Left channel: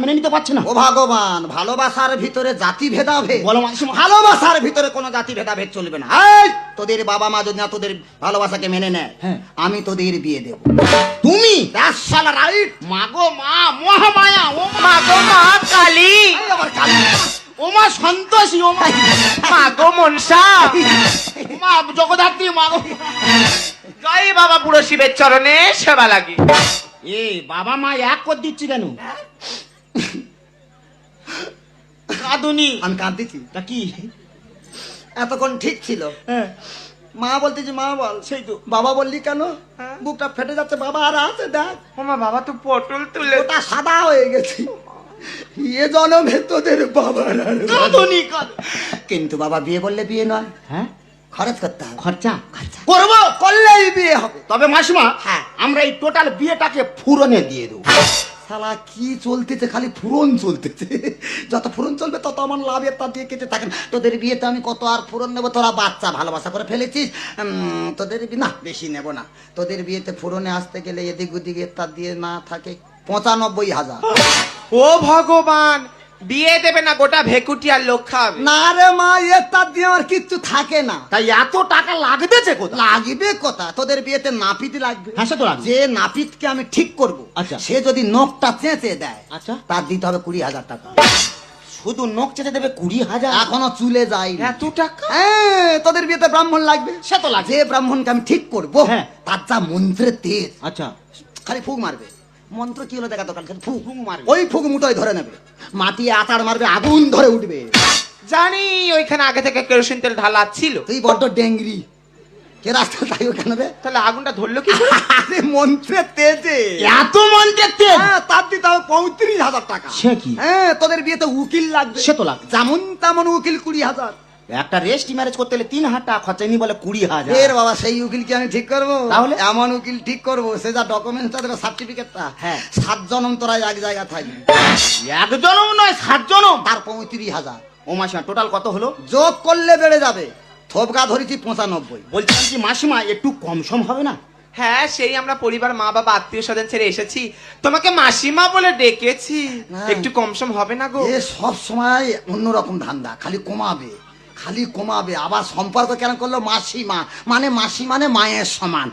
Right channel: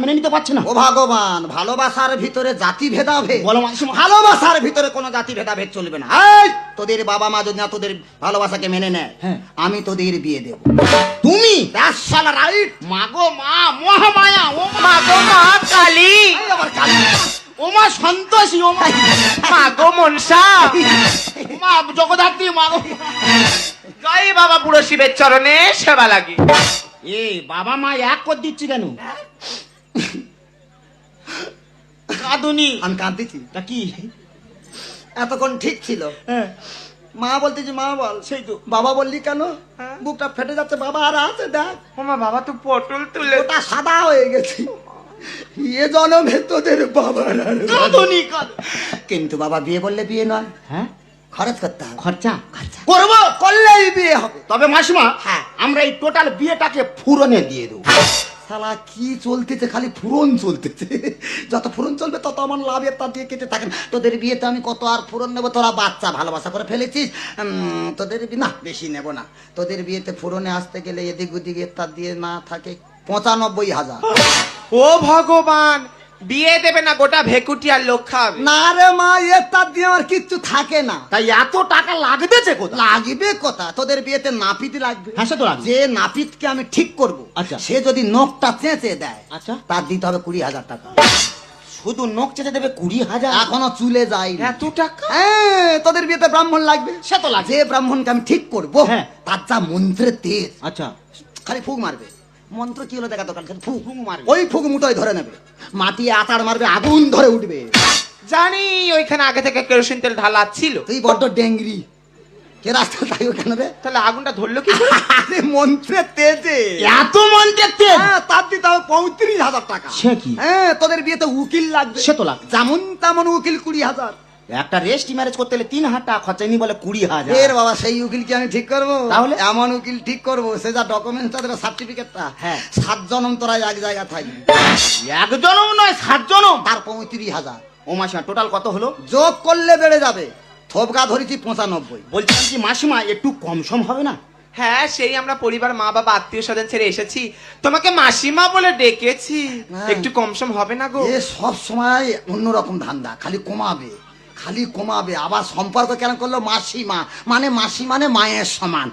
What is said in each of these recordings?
মেনে নিতে পারছে না। ও ভগবান, ভালোবাসার ভিতরে জাতি ভেদাভেদ বলো মাসিমা। ভালোবাসার ভিতরে কোনো জাতি ভেদাভেদ চলবে না। এই, তোদের বাবা মা যদি না তোদের ভালোবাসাকে মেনে নেয়, হ্যাঁ। আমি তোদের বিয়ে দেবো। তুমি শালা রাইট। মাগো মা মহামায়া, ও মা মাগো মা কালী, ও মা সন্তোষী, ও মা মাগো মনসা, মা জগদ্ধাত্রী, মা গো। জয় বাবা বুড়ো শিবের চরণে সেবা লাগে। বাবা মা এক করতে দিচ্ছে কেন? কাঁদুনি আমি কাঁদতেছি। তা কি? এতক্ষণ ঠিক ছিল। হ্যাঁ, মা বলতেছি মা বল, সেই তো। বাবা বললি কেন? হ্যাঁ। বুকটা ফেটে যাচ্ছে। বাবা আর আছে, দেখ ওমা বাবা তো পটল তুলে ওটা সাদা হয়ে গেছে। এ জনমে তোদের বাবা কাঁদুনি কাঁদ। কিন্তু বাবা বিয়ে করলে বিয়ে নয়, হ্যাঁ, খরচ করতে হবে। খরচা করবো, করলেই বিয়ে হবে। তবে মাসিমা, হ্যাঁ, আমরা এই টোটাল বিয়েটাকে ফুরনে দিয়ে দেবো। শালা কি চলতেছে, খালি ফুরন চলতেছে। যত ফুরন চলবে তত আমার লাভের, তা দিয়ে কেটে থাকেন। তোদের বিয়েতে আমি কত আর ফুরন নেবো? তোরা বাচ্চা ভালোবাসা করে ফেলেছিস। তোদের না বেশি নেব না। তোদের বিয়েতে ফুরনে আসতে গেলে এদিক ওদিক তার দিয়ে না থাকে 95,000। ও ভগবান, বিয়ে দেবে না গোটা ভেকুটিয়ার লোকখান। না রে মা, তার দিয়ে আমার কিচ্ছু থাকে না। তাই এত টাকা লাগবেছে কোথায়? লাগবে কথা, তোদের বিয়েতে নাপিত লাগবে। হ্যাঁ, সে তো লাগবে। যে নাপিতকে আমি ঠিক করব, আচ্ছা। সে যদি নখটা চেঁচে দেয়, আচ্ছা। তার দিতে হবে 20,000 টাকা। শুধু নখ চেঁচে দেবে 20,000? এখনো চুলে যায় এত টাকা? তোদের বিয়েতে ব্রাহ্মণ লাগবে। সেটা লাগবে। যে ব্রাহ্মণকে আমি ঠিক করবো, হ্যাঁ। তার যা মন্ত্রের তেজ, আচ্ছা, খালি ফুক মারবে। মন্ত্র কি হলো দেখাতে পারবে? ফুক মারবে। ওই ফুক মুখে ধরে নেবে, মাটি আটার মারবে, আগুন ধরে উঠবে। জানি ওইখানে আগে থেকে কেরোসিন তেল ঢালা ছিল। তুই বড্ড ডেঙ্গরি, কে রাস্তা তাই ওখানে রে? তাহলে আগুনটা ধরলো কি? মন্ত্রের তেজে এত মন্ত্রের তেজ? তার দিতে হবে 35,000 টাকা। সে কি? হ্যাঁ, তোদের বিয়েতে উকিল লাগবে। সে তো লাগবে। যেমন তেমন উকিল 20,000। একটা রেস্টি ম্যারেজ করতে হলে 3,000 টাকা খরচা নি বলে 20,000। এর বাবা, সেই উকিলকে আমি ঠিক করবো? তাহলে? এমন উকিল ঠিক করবো, সে যা ডকুমেন্টস দেবে, সার্টিফিকেটটা, 7 জন তোরা এক জায়গায় থাকবে। একজনও নয়, 7 জনও। তার 35,000 ও মাসিমা, টোটাল কত হলো? যোগ করলে বেড়ে যাবে। থোপকা ধরেছি 95। বলছিলাম কি মাসিমা, একটু কম সম হবে না? হ্যাঁ, সেই আমরা পরিবার, মা বাবা, আত্মীয় স্বজন ছেড়ে এসেছি, তোমাকে মাসিমা বলে ডেকেছি। হ্যাঁ। একটু কমসম হবে না গো? এ সব সময় অন্যরকম ধান্দা, খালি কমাবে খালি কমাবে। আবার সম্পর্ক কেন করলো? মাসিমা মানে মাসি মানে মায়ের সমান।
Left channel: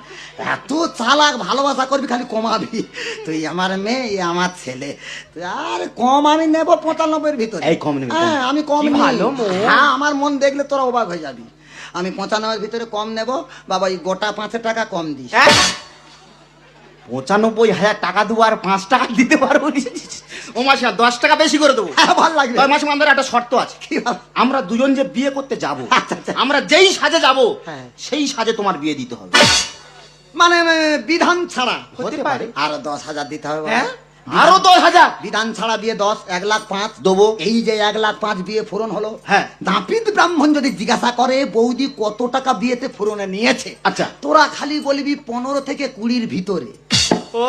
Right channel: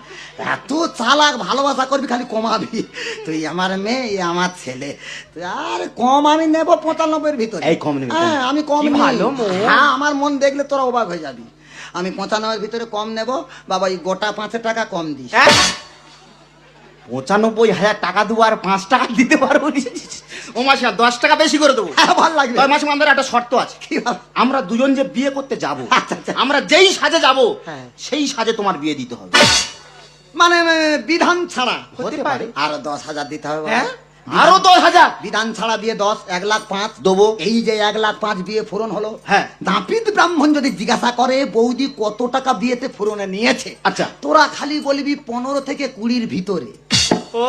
এত চালাক, ভালোবাসা করবি খালি কমাবি। তুই আমার মেয়ে, এই আমার ছেলে। আর কম আমি নেবো 95-এর ভিতরে। এই কম নেবে? হ্যাঁ, আমি কম কি নেব। ভালো মন। হ্যাঁ, আমার মন দেখলে তোরা অবাক হয়ে যাবি। আমি 95-এর ভিতরে কম নেব। বাবা, এই গোটা 5 টাকা কম দিস। 95,000 টাকা দেবো আর 5 টাকা দিতে পারবো? ও মাসিমা, 10 টাকা বেশি করে দেবো। হ্যাঁ, ভালো লাগবে। মাসিমা, আমাদের একটা শর্ত আছে। আমরা দুজন যে বিয়ে করতে যাব, আচ্ছা, আচ্ছা। আমরা যেই সাজে যাব, হ্যাঁ। সেই সাজে তোমার বিয়ে দিতে হবে। মানে বিধান ছাড়া হতে পারে। আর 10,000 দিতে হবে বাবা। হ্যাঁ? আরো 10,000 বিধান ছাড়া বিয়ে 10, 1,05,000 দেবো। এই যে 1,05,000 বিয়ে ফোরন হলো। হ্যাঁ। নাপিত ব্রাহ্মণ যদি জিজ্ঞাসা করে বৌদি কত টাকা বিয়েতে ফোরনে নিয়েছে, আচ্ছা। তোরা খালি বলবি 15 থেকে 20-র ভিতরে। ও